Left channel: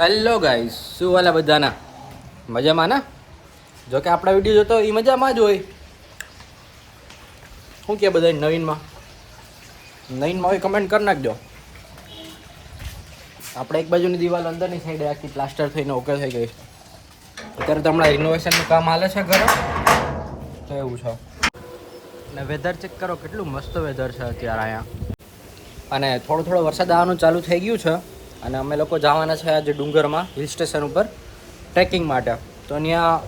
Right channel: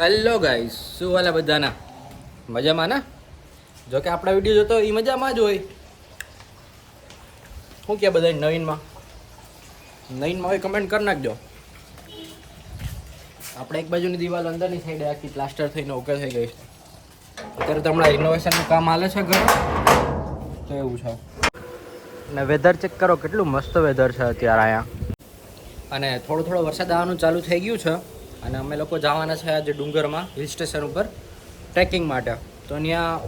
Hello guys, શું હાલે બધાના? મજામાં ને? જો કે આપણા વિડીયો જોતો એ મજામાં જ હોય. શું કે બધા નવીનમાં હોય કમેન્ટ કરી નાખજો. આપણે એક બાજુની દિવાલ અંદરની સાઈડે આખી પ્લાસ્ટર થઈને ઓકે થઈ ગઈ છે. અત્યારે તો હમણાં રિનોવેશનનું કામ હાલે છે ઘરે, તો એવું છે. અને વેધર ચેક કરો, કેટલું મસ્ત વેધર છે અત્યારે અહીંયા. અને થોડો વરસાદ આવવાનું ચાલુ થઈ ગયું છે. અને અમે લોકો જવાના છે આજે ડુંગરમાં હિલ સ્ટેશન ઉપર ટ્રેકિંગ માટે. તો ત્યાં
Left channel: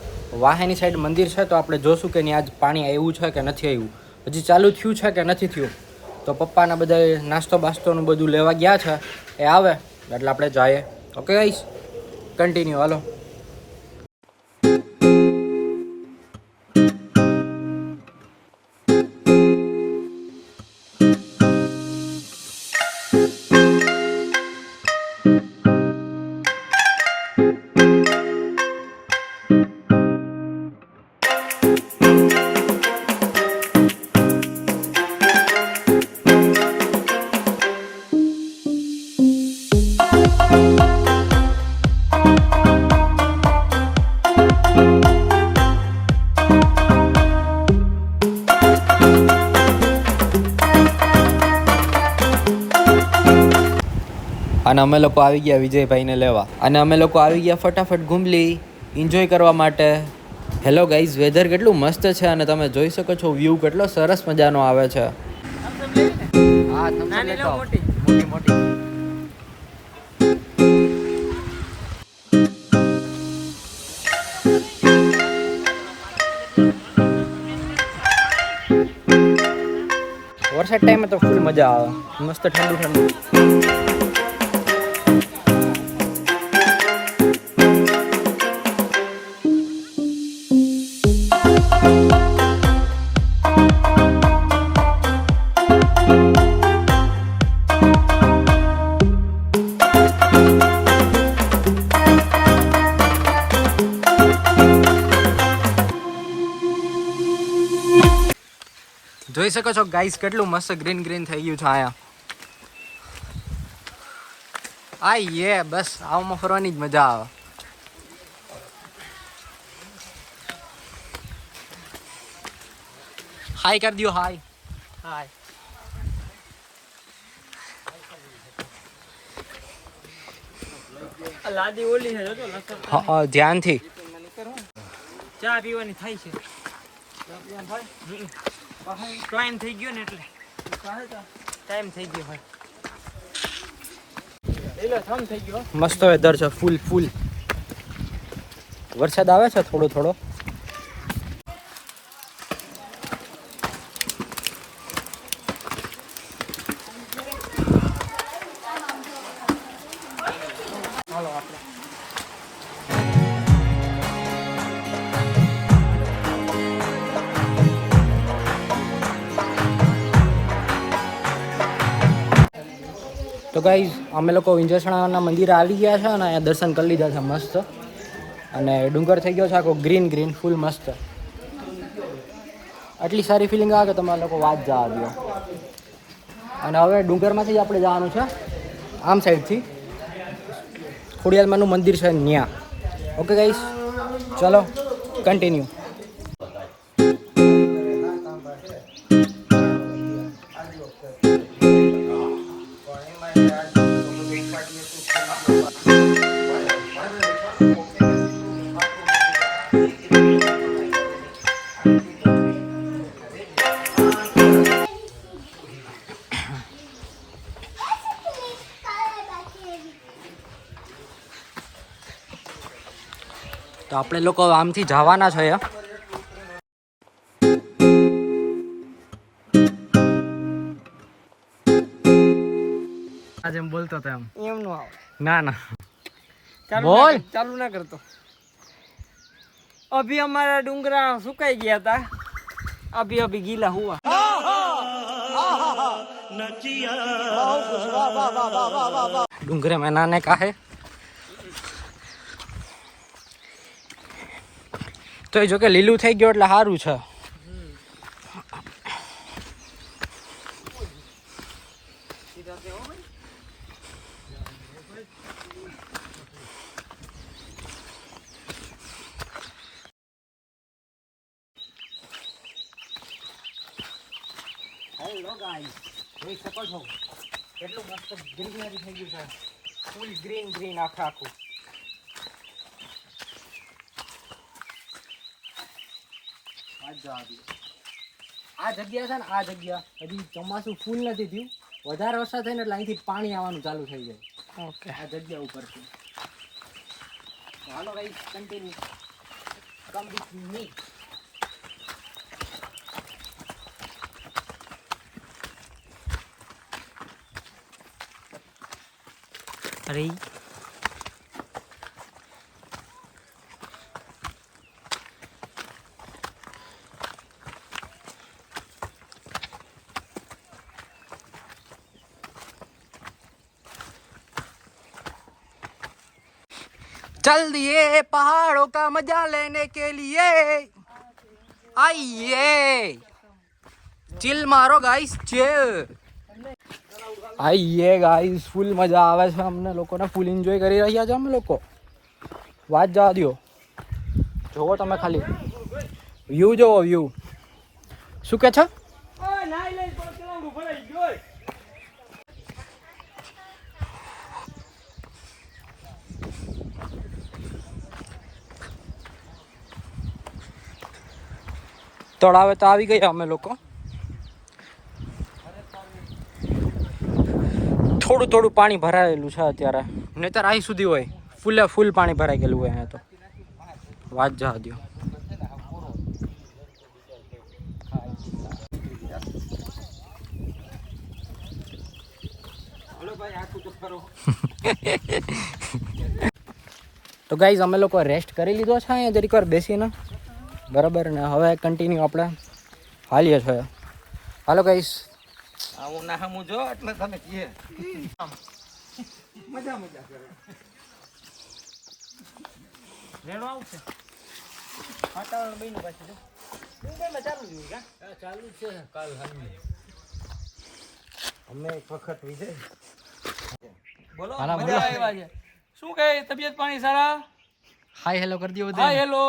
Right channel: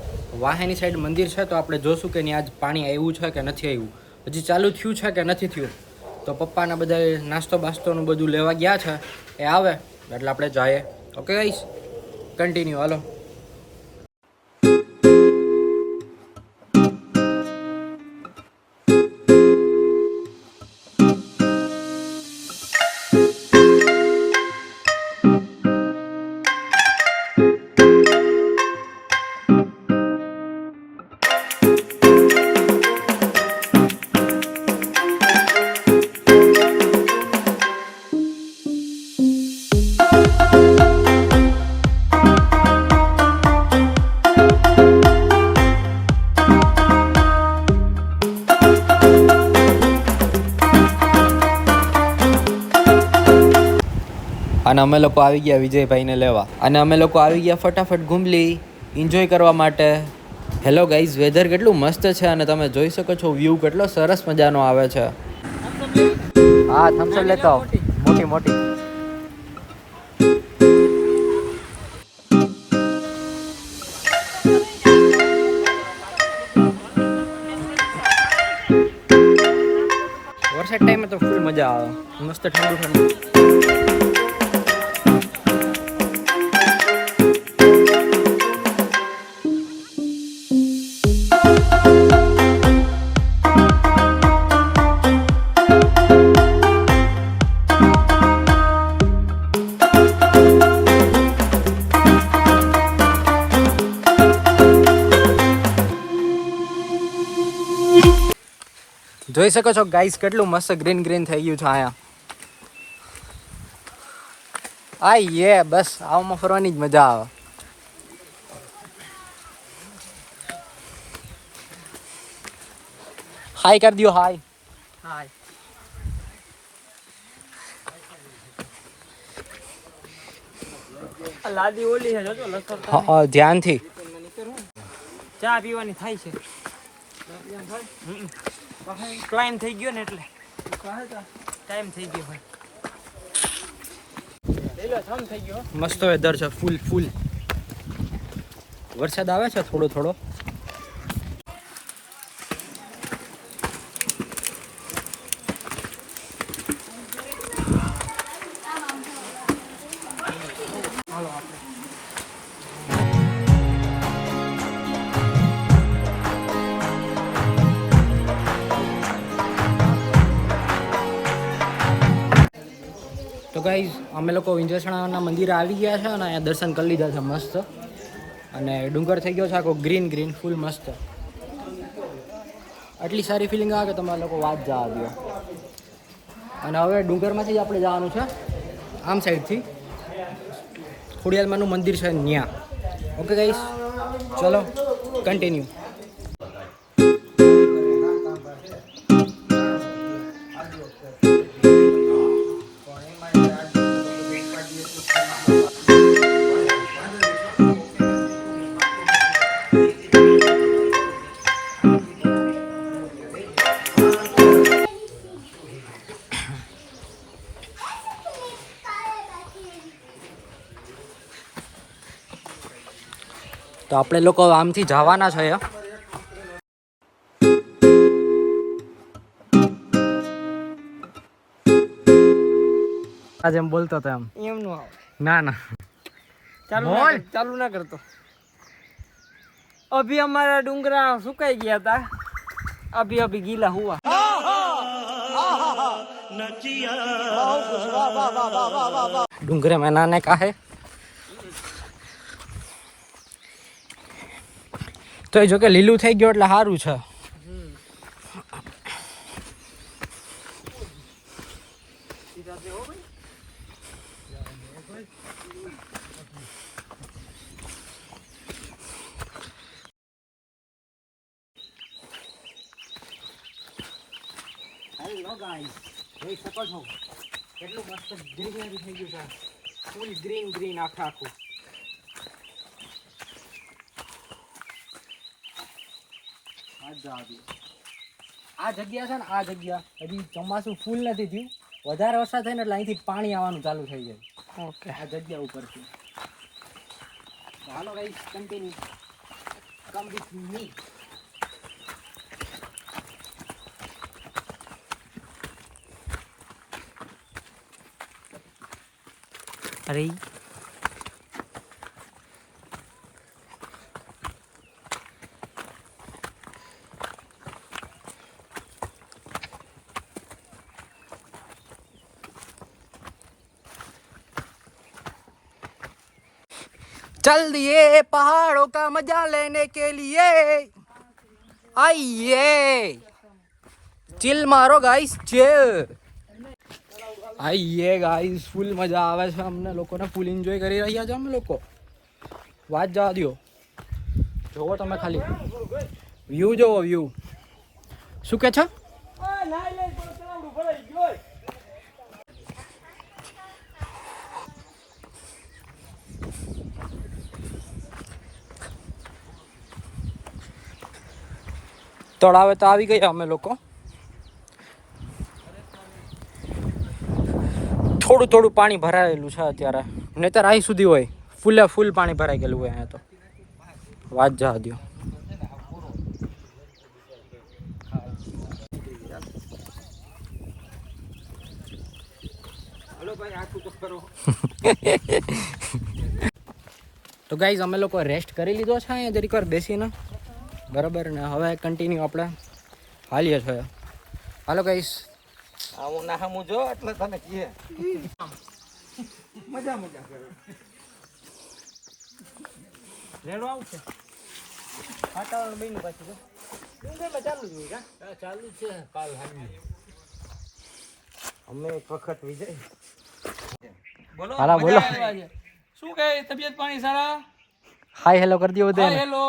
વાહેની સાઈડ મંદિર છે, તો આપણે જોશું કે ત્યાં આજ પાણી આવ્યું છે કે નથી આવ્યું, હજી ચાલુ થયું છે કે નથી થયું. તો પપ્પાના બધા નાસ્તો બાસ્તોનું બધું લેવા ગયા છે, એ આવે એટલે આપણે જઈએ. ઓકે ગાઈસ, કન્ટિન્યુ હાલો. અને અમે લોકો આવી ગયા વિજયભાઈને લેવા, અને અમે લોકો આવી ગયા ફટાફટ ઘૂમલી એન્જોય કરવા માટે. હેલો ગાઈઝ, વેધર કેટલું મસ્ત છે અને તમે જોઈ શકો છો વ્યૂ કેટલો સરસ મજાનો આવે છે. હા, થમ્સઅપ લેતો મોટી. વરસાદ ટાઈમે તો ફૂલ મજા આવે, મસ્ત ઠંડુ. જોઈ શકો છો ગાઈસ, કેટલું મસ્ત ગ્રીન થઈ ગયું છે અહીંયા. બસ આવામાં ફરવાની જ મજા આવે. હાય કરી દો, હાય. લાદી ઓલી હે તો હા, ધ્યાનથી ચા પીવાની થાય છે. ટાઈમ થઈ ગયો ને એટલે ટાઈમ થઈ ગયો ભાઈ. થમ થઈ ગયો. મસ્ત વેધર છે, ફૂલ વરસાદ આવે છે થોડો. તો ગાઈઝ, અમે લોકો વિંજેસણાના મંદિરે આવી ગયા છે અને અહીંયા દર્શન કરી લીધા છે મસ્ત. અને ડુંગર થઈ ગયો છે આખો ગ્રીન ફૂલ મસ્ત. આટલી સારી ફિલિંગ આવે કે તમારા લોકો વાત જવા દો. અને હવે ડુંગરમાંથી જ આપણે જવાનું છે આમ સાઈડથી ખોડિયાલમાંનું મંદિર છે ત્યાં. ઓકે ગાઈઝ, ચલો કન્ટિન્યુ. તો આપણે લોકો આમથી જવાના છે. આજે એમ બોલતો હતો એમ નું આવે ના ચાલુ ના કરતો. અભી અમારા ડુંગરા સુકાઈ ગયા હતા, અભી ગીલા હુआ. डूंगरे में नाने का है તો એ જો કે લીલું થઈ ગયું એટલે સારું છે. લો ગાઈસ, જોઈ શકો છો કેટલું મસ્ત ગ્રીનરી થઈ ગયું છે. ફૂલ ગ્રીન ગ્રીન આખું. આ જગ્યા છે ને, આ જગ્યા હજી ચોમાસું ફૂલ નથી થયું. વધારે વરસાદ થાય ને એટલે અહીંથી પાણી આવવાનું ચાલુ થઈ જાય. ઓકે, આ જગ્યા ઉપરથી. Hello guys, continue come with me. અરે चल दिए पहाड़ों का मजा लेने के लिए आइए चिल मारो गाइस चिल આઈએ ગાઈસ, ફૂલ મજા આવે છે અમને લોકોને. ફૂલ એન્જોય કરી રહ્યા છે અમે લોકો. વાત જવા દો, જોવો તમે ખાલી વ્યૂ જોવો, વ્યૂ. શું કે છે? તળાવે તો આવી ગયા અમે લોકો. થોડું થોડું પાણી ભરાયેલું છે અત્યારે, નહીતર અહીં સુધી હોય ફૂલે ફૂલ પાણી ભરાઈ ગયેલું હોય અહીંયા તો. વાત જવા દો. તો ગાઈઝ, અમે લોકો રેસ્ટ કરી લીધો છે અહીંયા જરીક વાર બેસીને, બરાબર ને. હવે કન્ટિન્યુ આપણે હાલીએ છીએ. Hello guys. આવું ના હમું જો એટલે તને કીએ મજા કરે. રેડો આવશે વાતાવરણ બન્યું પાછું ચાલુ જ હોય. ચાલુ છે કાલ હાલી અમે એક વખત વિજય બોલો. હાલા બોલો. શું કહે, તબિયત પાણી સારા? હાય હેલો કરી દો બધા. હેલો.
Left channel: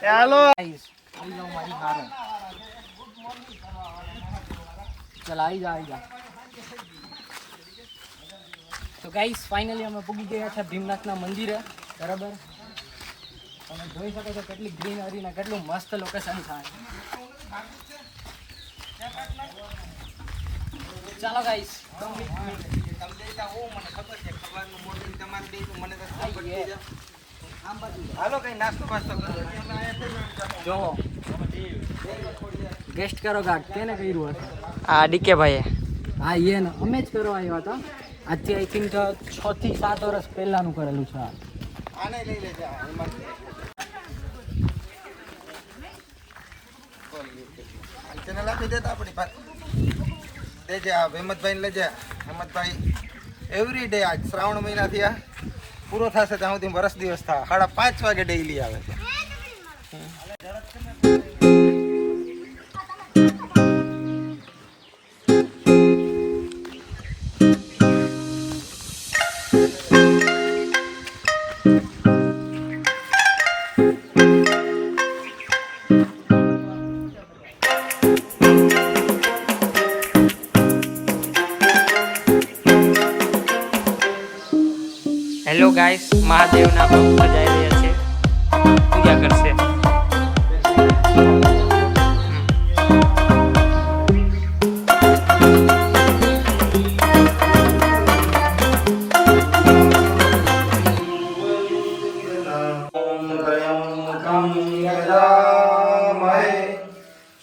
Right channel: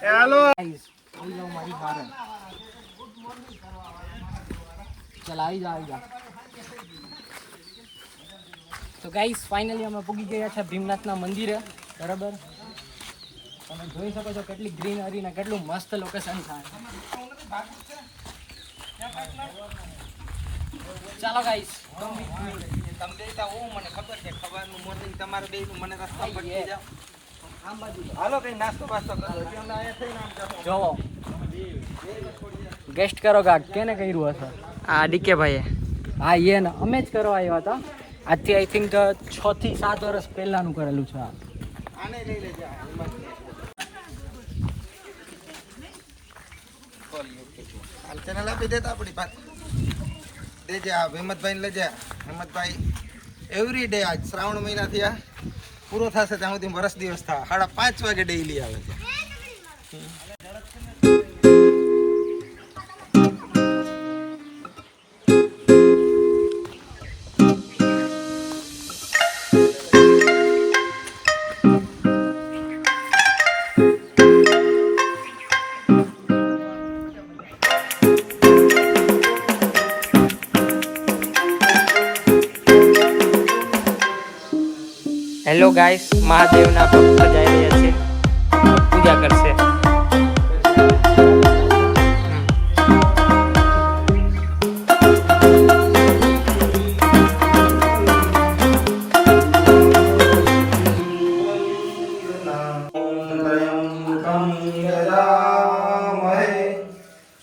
ચાલો ચાલ આવી જા. તો ગાઈસ, ફાઇનલી અમે પૂગી ગયા છે ભીમનાથના મંદિરે, બરાબર. તમે જોઈ શકો છો કેટલી ગ્રીનરી ને કેટલું મસ્ત લોકેશન થાય. ચાલો ગાઈસ, તમને હું મને ખબર છે ખવાનું મોર્નિંગ તમારે બે મને રસ્તા પડી જાય. આમ બાજુ હાલો કઈ નાસ્તો પાસ્તો કરો. જો ગેસ્ટ કરો ગાડ કેને કર્યું હશે? આ ડીકે ભાઈ. હા, એ ને અમે જ કરવા આવ્યા હતા. આજથી આઈ થિંક 6 થી 7 વર્ષ પહેલાનું કરેલું છે આ. આને લઈ લેજો. હાલ ચેનલ આપી દેતા આપણી પાસે દેજે. આ હેમતભાઈ લેજે. હેમતભાઈ એવરી ડે આજ શ્રાવણ મહિનાથી આ પૂરો થશે ત્યાં સુધી વર્ષ દિવસ થાય 5:30 વાગે ડેઈલી આવે છે. હેલો ગાઈસ, મહાદેવના ભક્ત જઈ રહ્યા છે, પૂજા કરશે.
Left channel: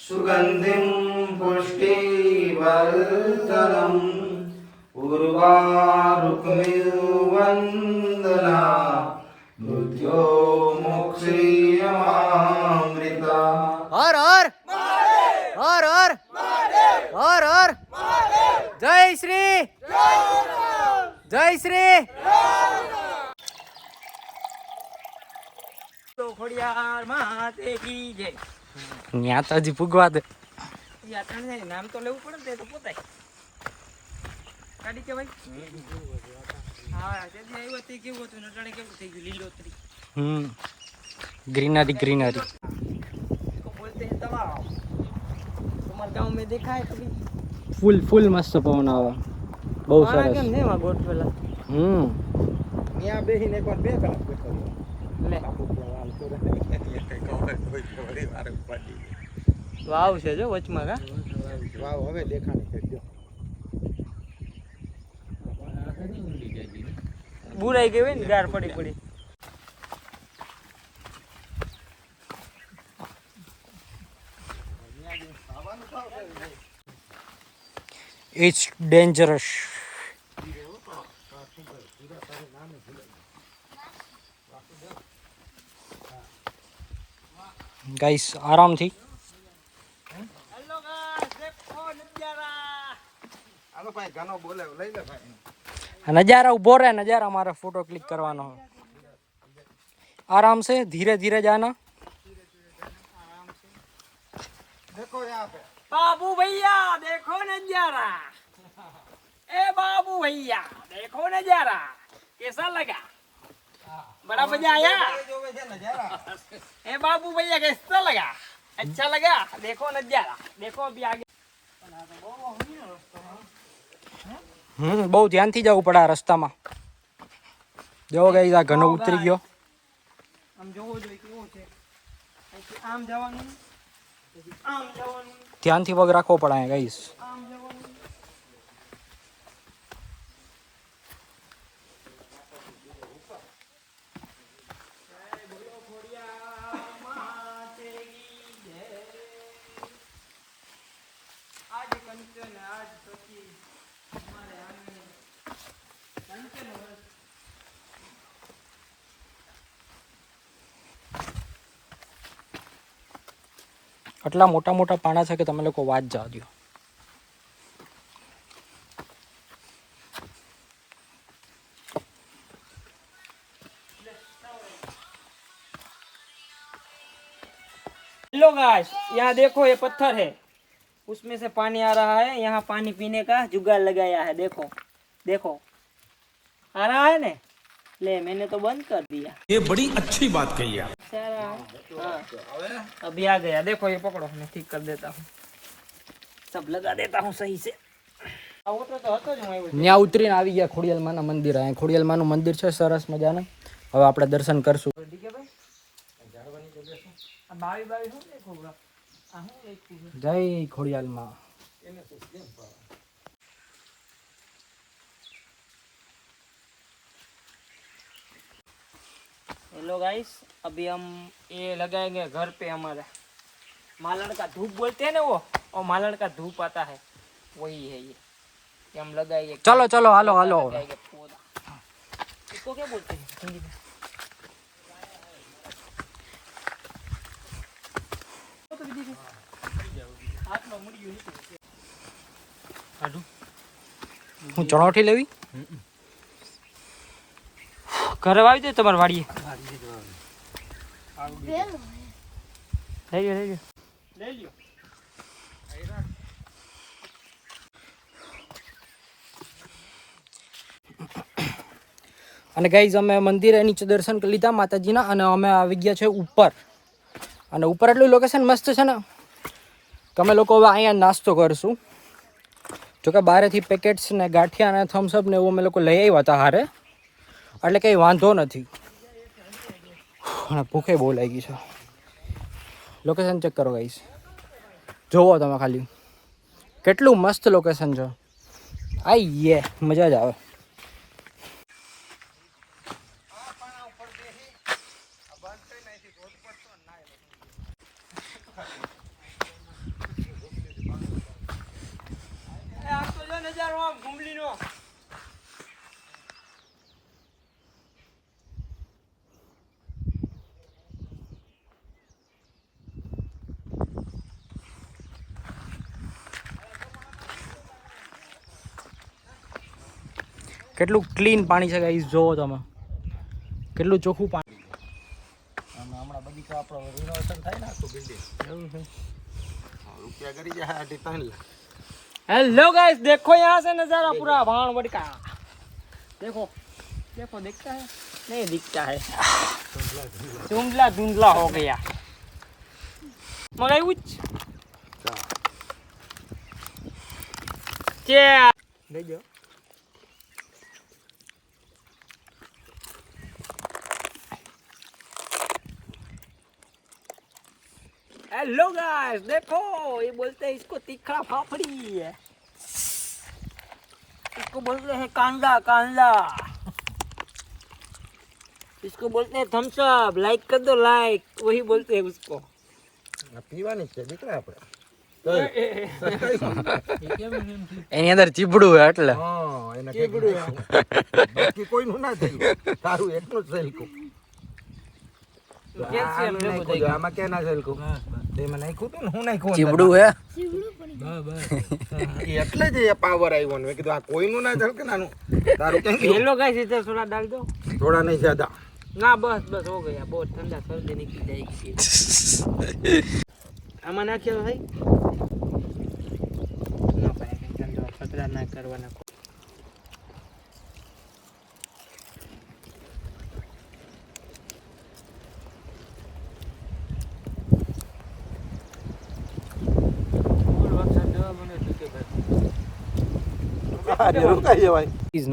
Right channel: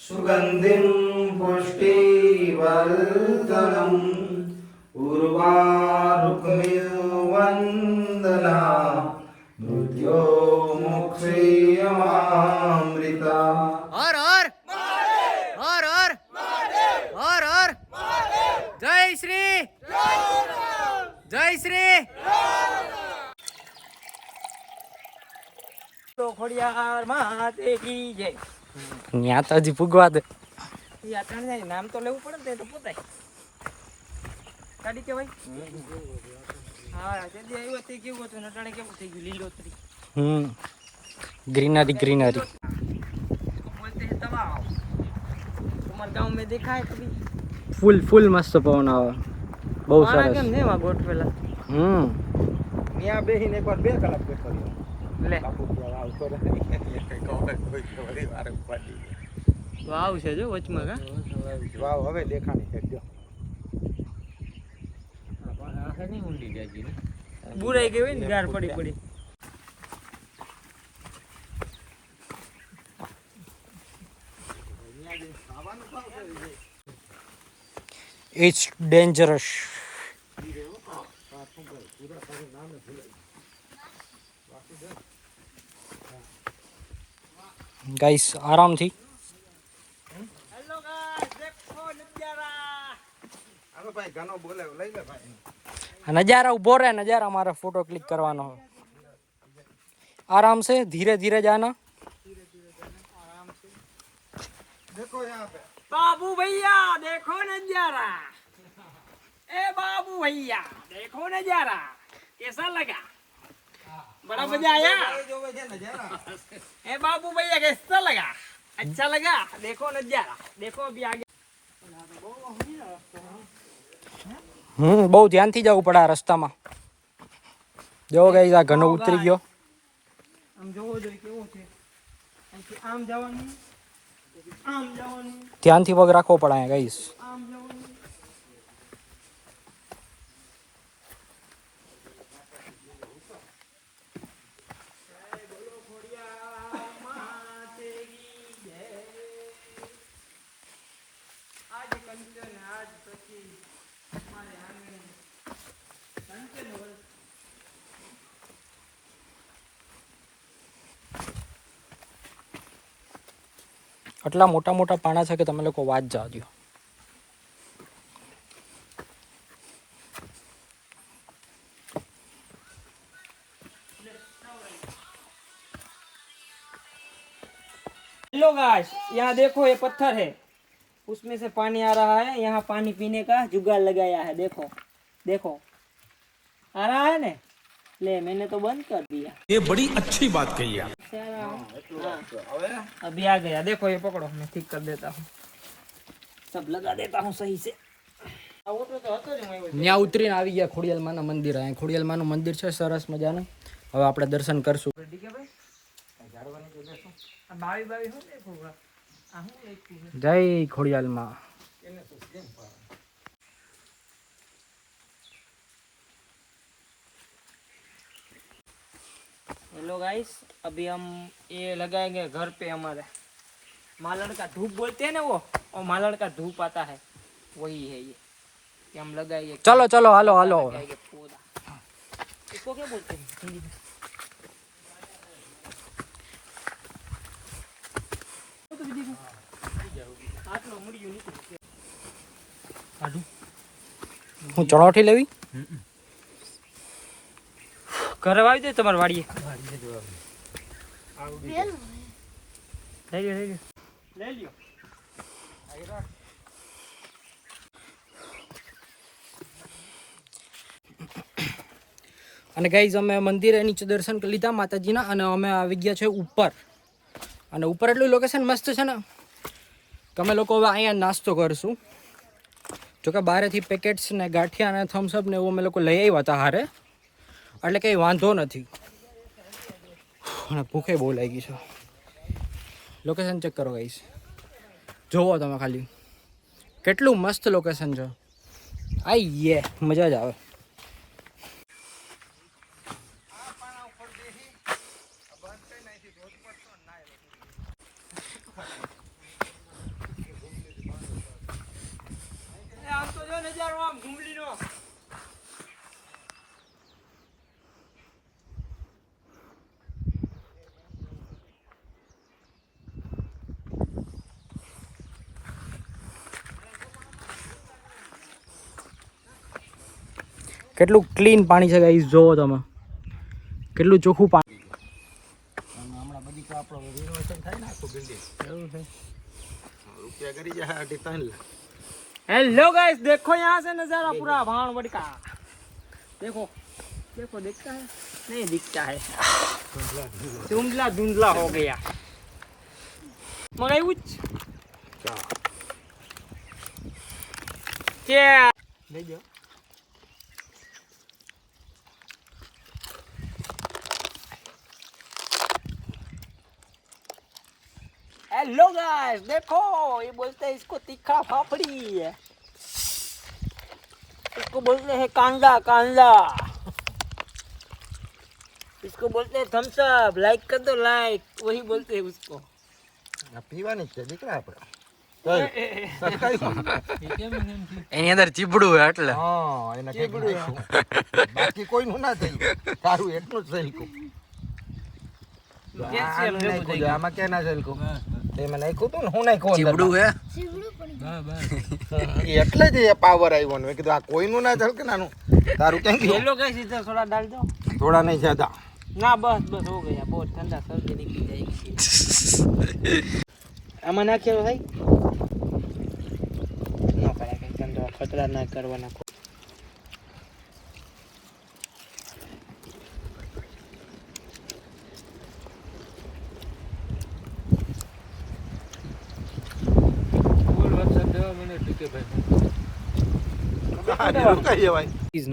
સુગંધિમ પુષ્ટિવર્ધનમ ઉર્વારુકમિવંદના મૃત્યો મોક્ષયમામૃતા. હર હર હર હર હર હર જય શ્રી જય શ્રી તો ખોડિયાર માતે કી જય. ત્યાં તો હજી પૂગવા દે. એ આટણ જાય નામ તો લેવું પડે ને તે તો પોતાય ગાડી કે ભાઈ હા તે તો એવું હતી કેવું હતું નટાણે કેવું થઈ ગયું લીલોતરી ग्रीनरी ग्रीनरी तो बोलते हैं तलाव तुम्हारे गांव में देखा है कभी फुल फुल मस्त पवन आवे બહુ મારા સરસ કેમ ને એમાં ગોઠવેલા ત્યાં બેસીને એકવાર 2 કલાક બેઠો રહ્યો. લે બાપુ તો આવતો રહે. વળી વારે ઉપાડી. વાવ છે જો વચમાં કા વાવ હવે દેખાણી છે જો. બુરાઈ ગઈ હોય ને ગાર પડી પડી इट्स डेंजरस गाइस आराम थी હાલો ભાઈ ગાનો બોલે લઈ લે ભાઈ. नजारा उभो रहे नजारा हमारा फोटो क्लिक करवाना हो आराम से धीरे धीरे जाना देखो यहाँ पे बाबू भैया देखो नजारा ए बाबू भैया देखो नजारा कैसा लगा बड़ा मजा आया ये जो है नजारा ए बाबू भैया कैसा लगा अच्छा लगा देखो नजारा देखो अभी आगे બહુ ધ્યાનથી જવું પડે આ રસ્તામાં જો ગાઈસ આ ઘણો ઉતરી ગયો આમ જોવો જોઈએ કેવો છે અહીંથી આમ જવાનું પછી આમ જવાનું ધ્યાનથી પગ રાખવો પડે અહીંયા ગાઈસ આમ જવાનું આટલા મોટા મોટા પાણા છે કે તમે લોકો વાત જવા દો हेलो गाइस यहाँ देखो ये पत्थर है उसमें से पानी आ रहा है यहाँ पानी पीने का जुगाड़ लगाया है देखो देखो आ रहा है ने ले मैंने तो बंद कर दिया ये बड़ी अच्छी बात कही आप से आ रहा है हाँ अभी आ गया देखो ये पकड़ो मैं ठीक कर देता हूँ सब लगा देता हूँ सही से ત્યાં ઉતરીને આવી ગયા ખોડિયાલમાના મંદિર અહીંયા ખોડિયાલમાનું મંદિર છે સરસ મજાનું હવે આપણે દર્શન કરશું બાવી બાવી શું દેખો આ હું એક ચીજ જય ખોડિયાલમાં हेलो गाइस अभी हम ये लगाएंगे घर पे हमारे मालड़ का धूप बोलते हैं ना वो और मालड़ का धूप आता है वही है ये हम लगाएंगे चलो चलो हालो हालो लगाएंगे पौधा इसको क्या बोलते हैं हिंदी में हाथ में मुड़ी हुई હું ચણોઠી લેવી ઘરે આવી દે તમારે વાડીએ લઈ લ્યો અને ગાઈઝ અમે મંદિરે નીચે દર્શન કરી લીધા માતાજીના અને અમે આવી ગયા છે ઉપર અને ઉપર એટલું લોકેશન મસ્ત છે ને કે અમે લોકો હવે અહીંયા નાસ્તો કરશું જોકે બહારેથી પેકેટ્સ ને ગાંઠિયા ને થમ્સઅપ ને એવું અમે લોકો લઈ આવ્યા હતા હારે એટલે કંઈ વાંધો નથી અને ભૂખે બહુ લાગી છે લોકેશન ચેક કરો ગાઈઝ જોવો તમે ખાલી કેટલું મસ્ત લોકેશન છે આઈએ મજા જ આવે આમ તો જો નજારો આમ ઘુમલીનો કેટલું ક્લીન પાણી છે ગાઈસ જોવો તમે કેટલું ચોખ્ખું પાણી હમણાં બગીચા આપણો રિનોવેશન થાય ને આખું બિલ્ડિંગ રૂપિયા કરી જાય 3.5 લાખ. हेलो गाइस, देखो यहाँ से नजारा पूरा भानवड़ का। देखो देखो, दिखता है? नहीं दिखता है, धुंधला धुंधला हो गया। मंगाई कुछ ले जाओ। हेलो गाइस, देखो ये बोलते हैं इसको तीखा फाफड़ी है, इसको बोलते हैं कांदा कांदा, इसको बोलते हैं थम्स अप। लाइक कर दो, लाइक, वही बोलते हैं उसको। આ પીવાની છે દીકરા આપણે. એની અંદર ચીબડું હોય એટલે હા, એને ચીબડું બાકી કોઈનું ના થયું, તારું એટલું જ થયું. આમાં ક્યાં ના થયું? તેમાં નાખ્યું હતું ને, હું નાખ્યું ચીબડું હે એટલે જ એ પાવર આવ્યો ને. મેં કીધું આ કોઈનું ના થયું કે નાનું, તારું ક્યાં ગયું? हेलो गाइस, इधर थोड़ा डाल दो થોડા નહીં જ્યાદા. ना। बस बस हो गया, बहुत ठंडा, सर्दी निकल जाएगी। आमा ना खेलो भाई, ना पड़ा कहीं ठंडा खतरा ना करवाना।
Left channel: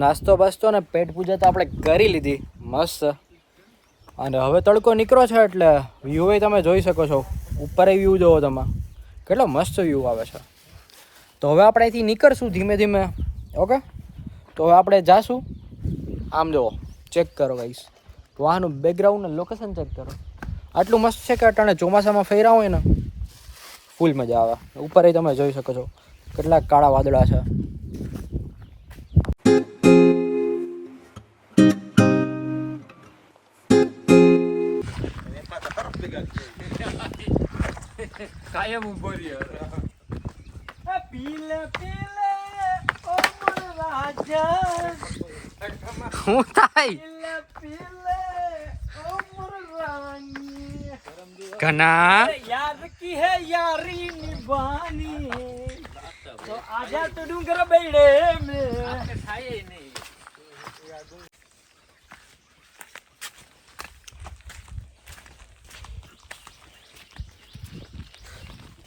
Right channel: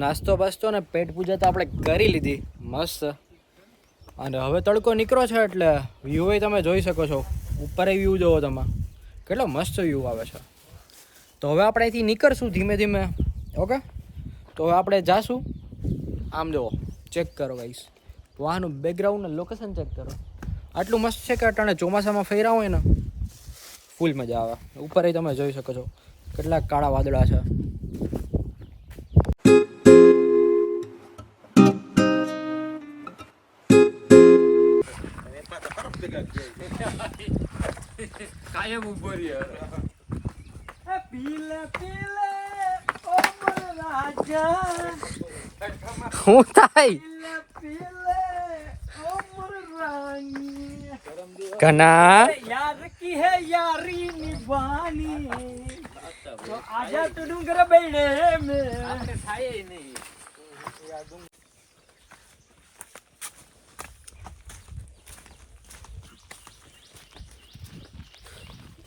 નાસ્તો બાસ્તો ને પેટ પૂજા તો આપણે કરી લીધી મસ્ત, અને હવે તડકો નીકળો છે એટલે વ્યૂ તમે જોઈ શકો છો. ઉપર વ્યૂ જોવો તમે, કેટલો મસ્ત વ્યૂ આવે છે. તો હવે આપણે અહીંથી નીકળશું ધીમે ધીમે. ઓકે, તો હવે આપણે જાશું. આમ જુઓ, ચેક કરો ગાઈસ, વાહનું બેકગ્રાઉન્ડ ને લોકેશન ચેક કરો. આટલું મસ્ત છે કે અટાણે ચોમાસામાં ફેર્યા હોય ને ફૂલ મજા આવે. ઉપર તમે જોઈ શકો છો કેટલાક કાળા વાદળા છે. કાયમ ઉભો રહ્યો. पीले पीले ओ मोर राजा, શું થાય पीले पीले ओ मोर रानी, ઘના यार की है यारी निभानी, तो आजा तू डूंगर बैठे में।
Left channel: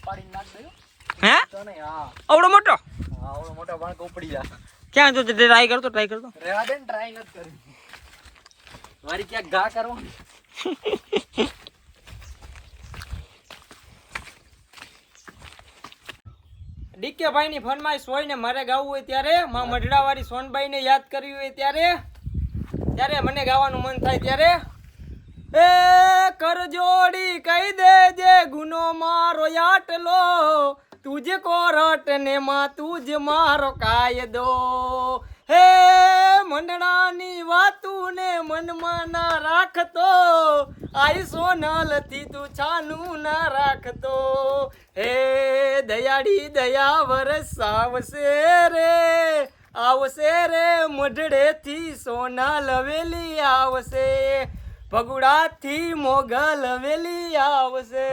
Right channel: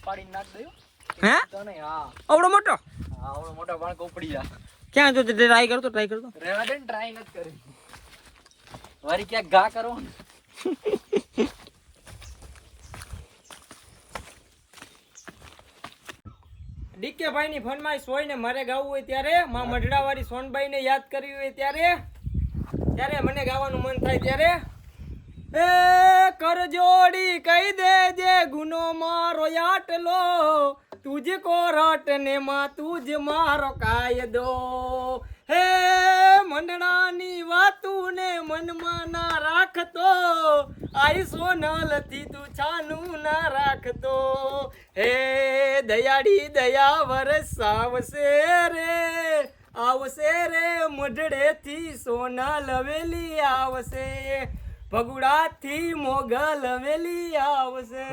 પાડી નાખ દયો हैं? તો નહીં. હા अवड़ो मोटो હા, ઓલો મોટા બાળક ઉપડી જા. क्या तो ट्राई कर दो, ट्राई कर दो। રેવા દે ને, ટ્રાય નથી કરી. મારી ક્યાંક ઘા કરવાનું. ડીકે ભાઈ ની ફરમાઈશ હોય ને મારે ગાવું હોય ત્યારે, માં મઢડા વાળી સોનબાઈ ને યાદ કરવી હોય ત્યારે, ત્યારે મને ગાવાનું મન થાય ત્યારે, એ કર જોડી કહી દેજે ગુનો મારો આટલો, તુજકો રટને માં તુજ મારો કાયદો, હે મંડળાની વાતું ને મનમાં ના રાખતો, આઈ સોનલથી તું છાનું ના રાખતો, હે દયાળી દયા વરસાવશે રે, આવશે રે મઢડેથી સોના લવેલી આવશે, ભગુડાથી મોગલ હવેલી આવશે.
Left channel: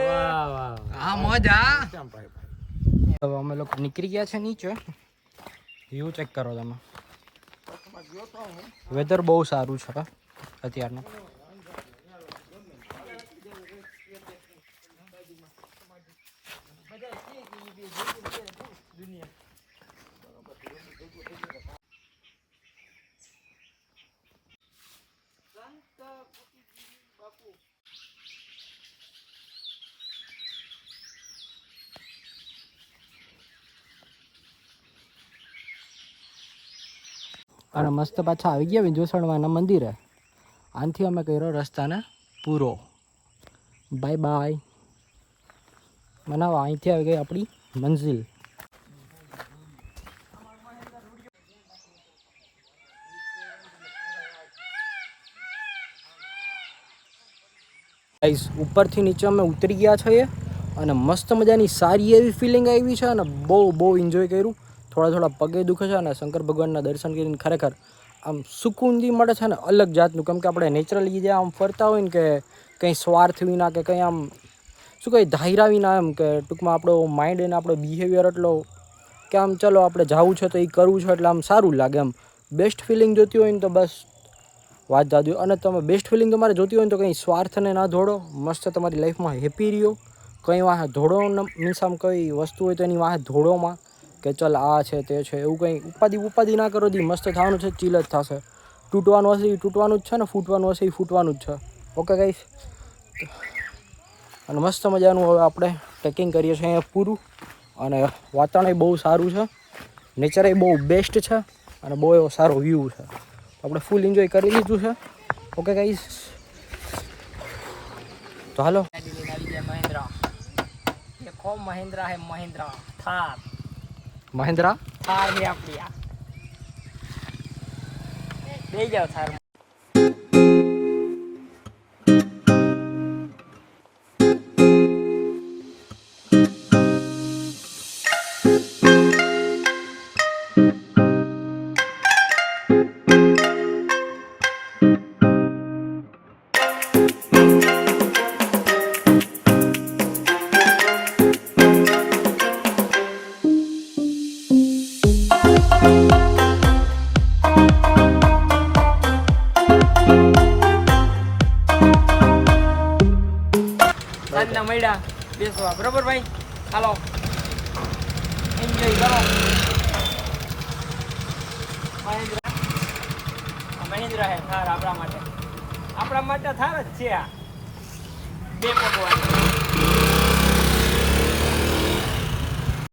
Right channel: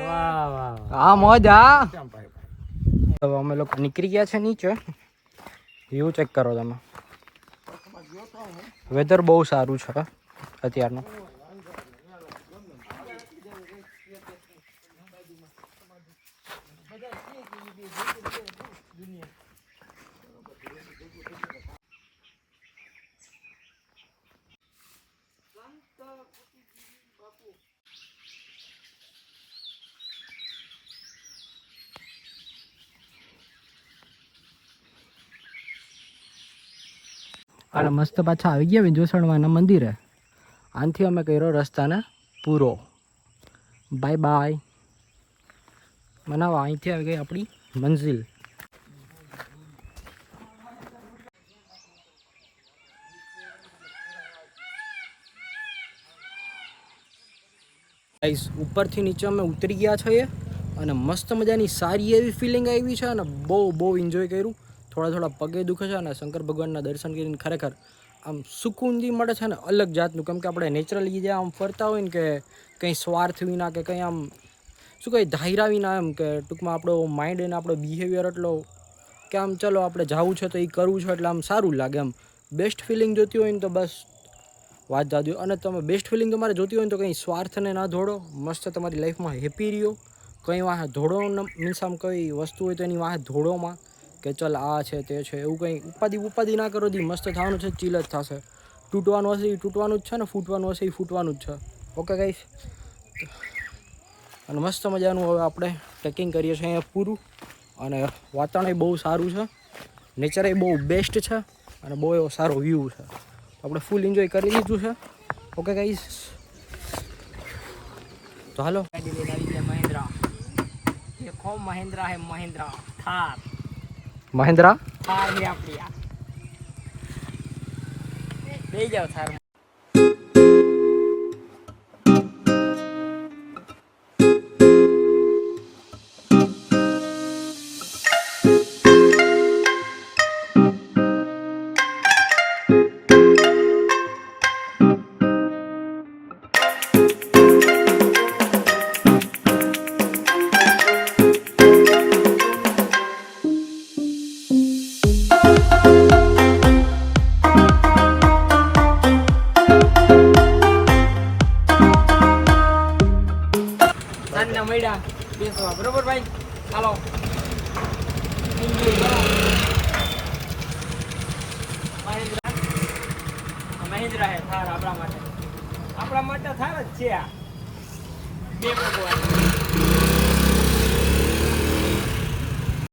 હા મોજા. હવે અમે લોકો નીકળી ગયા છે નીચે. વ્યૂ ચેક કરો તમે. વેધર બહુ સારું છે અત્યારનું. અને મસ્ત પાછા આવી ગયા વિંજોસણવાના મંદિરે. આનથી અમે કર્યો રસ્તાને પૂરો. Bye bye. મનાવા અહીંથી આવી ગઈ આપણી મંઝિલ. ગાઈસ, ઉપરથી નીચે અમે ઉતરી ગયા છીએ અને મસ્ત મજાની સારી એવી ફિલિંગ આવી છે અને બહુ એન્જોય કર્યું. થોડા પગે દુખે છે અને શંકર ભગવાનના દર્શન કરીને ખરેખર આમ સુકૂનથી મળે છે ને અલગ જાતનું, કેમ કે આપણે નેચરલી જે આમ ફરતા હોય ને કે કંઈ સ્વાર્થ વિના કે કંઈ આમ શું કંઈ ધાર્યા વિના, એમ કે ટૂંકમાં આપણો માઇન્ડ અને આપણો બિહેવિયર એટલો કે આમ ચલો આપણે જવું છે તો એ કરવું છે એટલે આમ સારું લાગે. એમ બેસ્ટ ફિલિંગ જોતી હોય ને તો બસ વાત જાદુ. અને તમે બેસ્ટ ફિલિંગ તમારે જોતી હોય ને તો કંઈ સ્વાર્થને ના દોડો, મસ્ત તમારી લાઈફમાં હેપી રહ્યો. કંઈ વાંહે ધોડો મીન્સ આમ કઈ વસ્તુ હોય તો એની વાંહે ધોડોમાં કે ચલ આ છે તે છે એવું કંઈ ઉપાધિ ના કરો. દી મસ્ત થવાનું છે, ચીલ જ થશે. તૂટવાનું હશે એ તૂટવાનું જ છે ને, ફૂટવાનું હશે એ ફૂટવાનું જ છે. ઓકે ગાઈસ, અને મસ્ત મજાનું હવે આપણે ટ્રેકિંગ કરીએ છીએ અહીંયા પૂરું. અને વાતાવરણ બહુ સારું છે, નેચર એ બહુ બેસ્ટ છે અને બહુ એવો સારો વ્યૂ છે. આપણે ફૂલ એન્જોય કરી લીધું છે. ઓકે ગાઈસ, તો હાલો. महिंद्रा, ये कौन महिंद्रा है? महिंद्रा थार, મહેન્દ્રા थार में अपनी ले जाओ थार में. સાંજના મળ્યા બેસવા, બરોબર ભાઈ? હાલો એન્જોય કરો. મહિન્દ્રા હે થાર આપણા માટે થાર જ છે આ. બે ભગવાન